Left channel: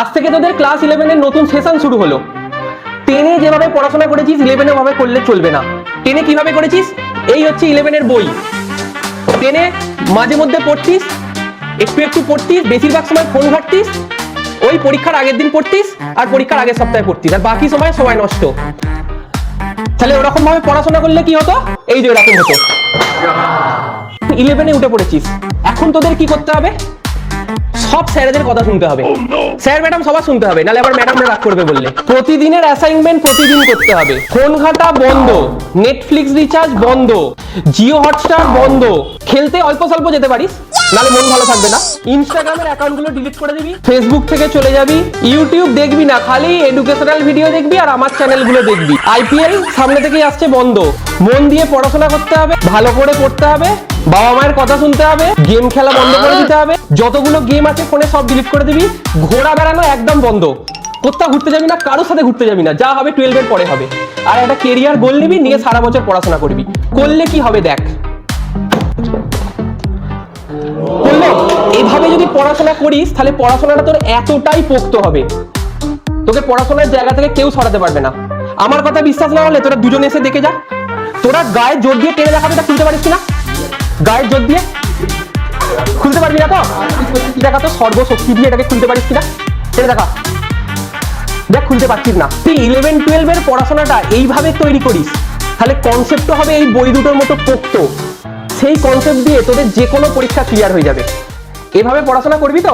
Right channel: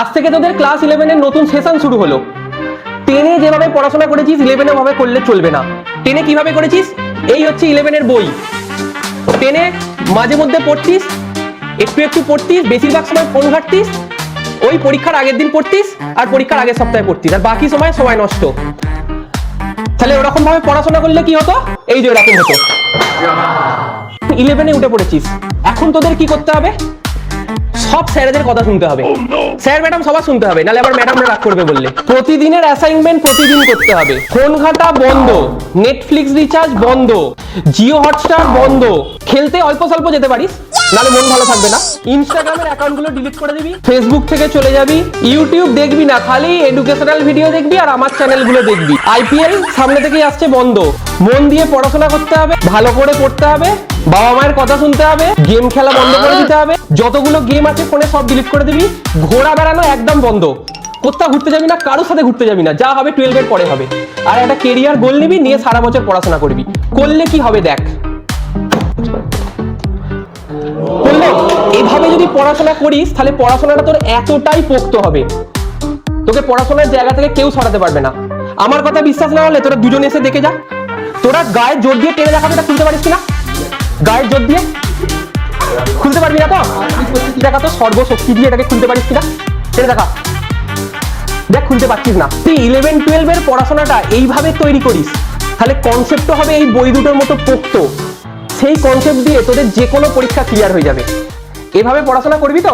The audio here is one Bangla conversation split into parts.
আজ থেকে তোদের ক্লাস 11 এর নতুন সেশন শুরু হলো। 10 যেভাবে পড়াশোনা করেছিস 11 এ ভাবে করলে চলবে না। 10 কিভাবে করেছিস? এই হচ্ছে 11 এর বই। 10 মাঝে মধ্যে পড়তিস, একটু একটু পড়তিস, বেশিরভাগ সময় ফোন ঘাঁটতিস, ওই পরীক্ষার আগের দিন পড়তিস আর পরীক্ষার আগের সপ্তাহে পড়তিস, আর বাকি সময় নষ্ট। তাহলে ওরকম ভাবে পড়াশোনা করলে কি হতো? এই যে এরকম হতো। 11 এ উঠে পড়েছিস, এখন তোদের কি করতে হবে? সব স্যারদের কথা শুনতে হবে। স্যার ম্যাডাম সবার শুনতে হবে, নাহলে আবার ম্যাডামরা রাগ করবে বললে। প্রতিদিনের অ্যাসাইনমেন্ট প্রতিদিন করতে হবে। ফোন ঘাটা বন্ধ, নেটফ্লিক্স রিচার্জ বন্ধ, জিও হটস্টার বন্ধ। খেলতে অল্প স্বল্প যেতে পারিস, তাহলে মন ভালো থাকবে না। ইনস্টাগ্রামের অ্যাকাউন্টগুলো ডিলিট করে দিবি, ফেসবুক থেকে চলে যাবি, ইউটিউব দেখবি না, খালি এডুকেশনাল ভিডিও দেখবি আর আমার চ্যানেলগুলো দেখবি। আইপিএল সামনে থেকেই আসছে, বন্ধ। মন দিয়ে পড়াশোনা করতে হবে, ভালো করে পড়তে হবে, বাবা মায়ের কথা শুনতে হবে, গেম খেলা বন্ধ করে দিতে হবে। যতগুলো গেম আছে ফোনে সব ডিলিট করে দিবি। ঘোরা বেড়ানো একদম বন্ধ, কোথাও ঘুরতে যাবি না, কারোর সাথে ঘুরতে যাবি না, যা হবে 12 এর পরে হবে। আর একটা কেরিয়ার গোল নিবি, নিয়ে সারা বছর পড়াশোনা করবি। করলে কি হবে দেখ। এইভাবে যদি পড়াশোনা করিস তাহলে পড়াশোনাটা তোর এতটাই পোক্ত হবে, তোকে পড়াশোনার জায়গা থেকে কেউ সরাতে পারবে না। আমার কথা বিশ্বাস না হলে তোরা দুজন এসে দেখে যা। তোরা গায়ে জোর দিয়ে টেনে রাখাটা করতে পারিস না? গায়ে জোর দিয়ে খুলতে পারবি না? দেখা তো সর্বশক্তি দিয়ে তাকে খুলতে পারিস কিনা, টেনে দেখা। দেখ খুলতে পারছিস না। তুই 11-12 এর পড়াশোনাটা এইভাবে তৈরি করিস, তাহলে কনসেপ্ট হবে এই বই দুটোর মতো পোক্ত। সেই কনসেপ্ট দিয়ে তোদের যে কোনো পরীক্ষা ক্লিয়ার হয়ে যাবে। এভাবে পড়াশোনা করবি তো?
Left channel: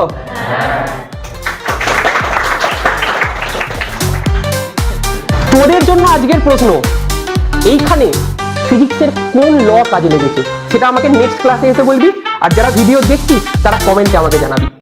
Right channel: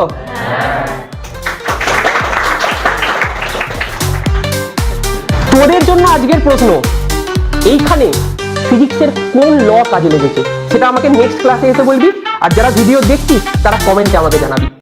তোদের জন্য আজকের প্রশ্ন, এইখানে ফিজিক্সের কোন ল কাজে লেগেছে সেটা আমাকে নেক্সট ক্লাসে এসে বলবি। আর যারা ভিডিও দেখছিস তারা কমেন্টে আমাদের জানাবি।